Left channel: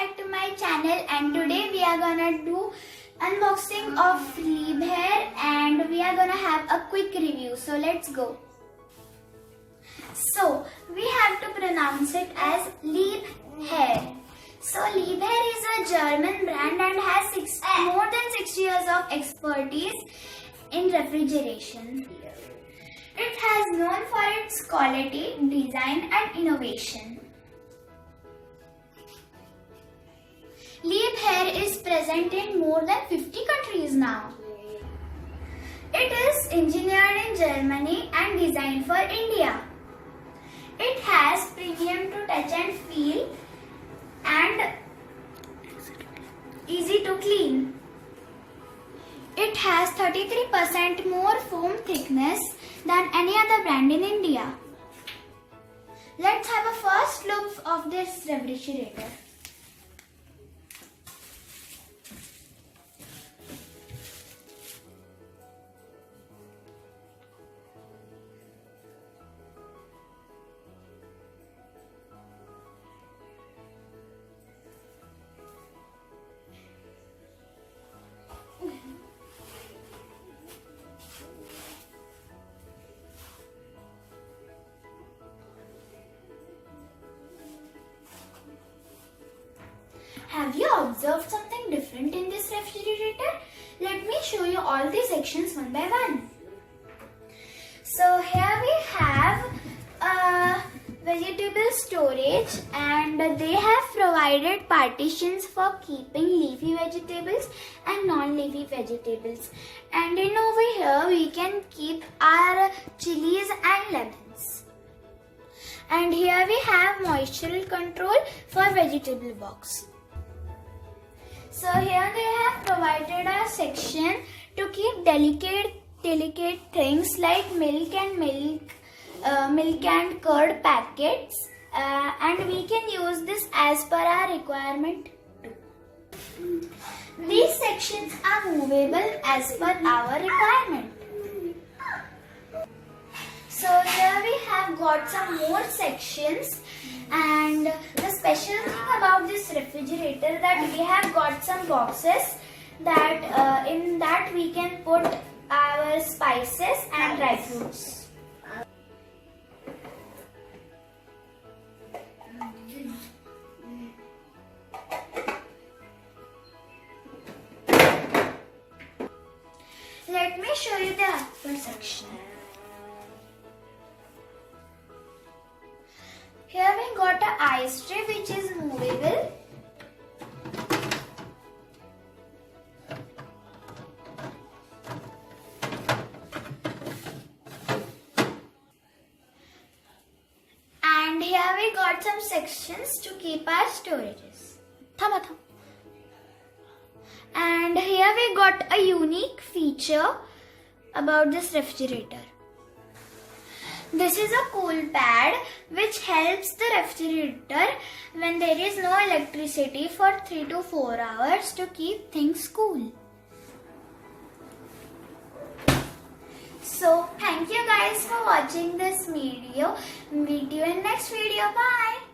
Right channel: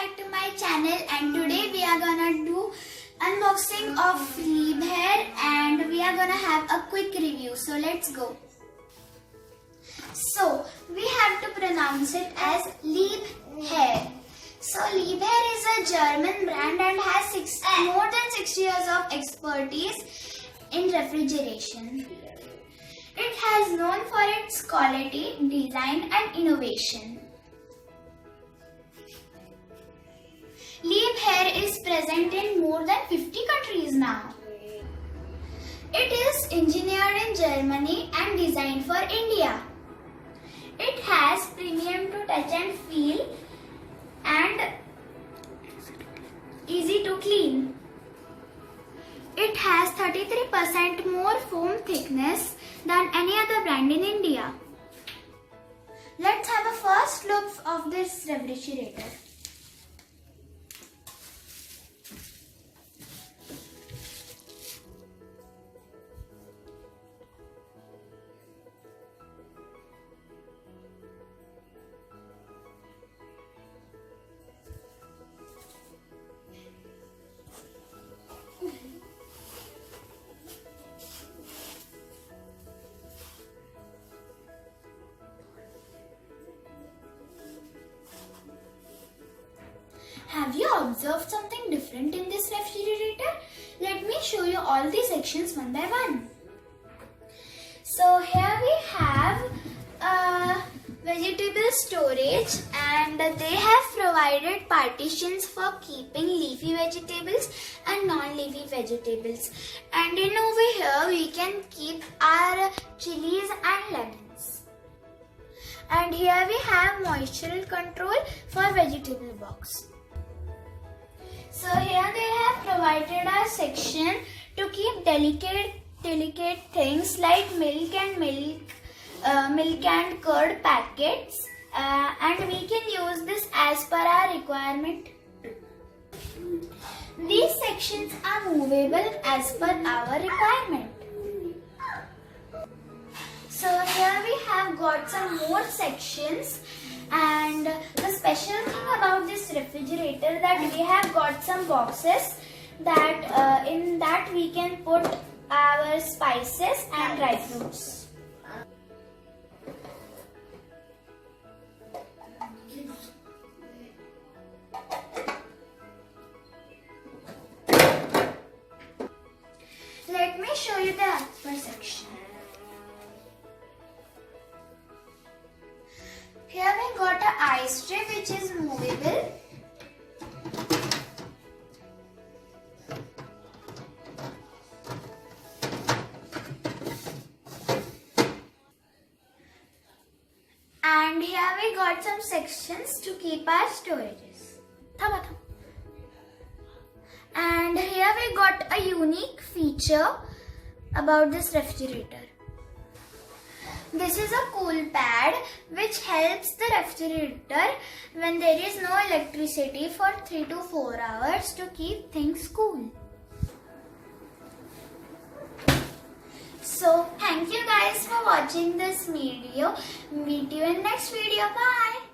back to my channel, and today we are gonna do unboxing of LIEBHERR and we are gonna have a quick review. So let's go. So we have to pronounce it as LIEBHERR. So LIEBHERR is a German brand and has more than 60 years of expertise in refrigeration. It has known for its quality, design and innovation. LIEBHERR is present in more than 50 countries now. It is engineered in Germany and designed for India. It has premium to touch and feel and easy to clean. It has 33% more foam thickness than any other brand in India. Let's have a first look of this refrigerator. Have you observed something different in this refrigerator? Let me show you all the sections one by one. So here we have vegetable storage, and they have provided partitions for keeping leafy vegetables and non-leafy vegetables. And in over here we can keep our chilies and lemons. And here we have moisture control for vegetable box. So here they have provided a section to keep delicate things like milk and curd packets, and we can use this as per our requirement too. These sections are movable as per our requirement. So here we have got some more sections, and the special thing about this refrigerator that we have got some boxes that in that we can put our spices and dry fruits. Let me show you the upper section. Here we got an ice tray which is movable. And here we got some sections to keep our storages. And here we got a unique feature about this refrigerator. This is a cool pad which helps the refrigerator when there is no electricity for 3 to 4 hours to keep things cool. So thank you guys for watching this video. Meet you in next video. Bye.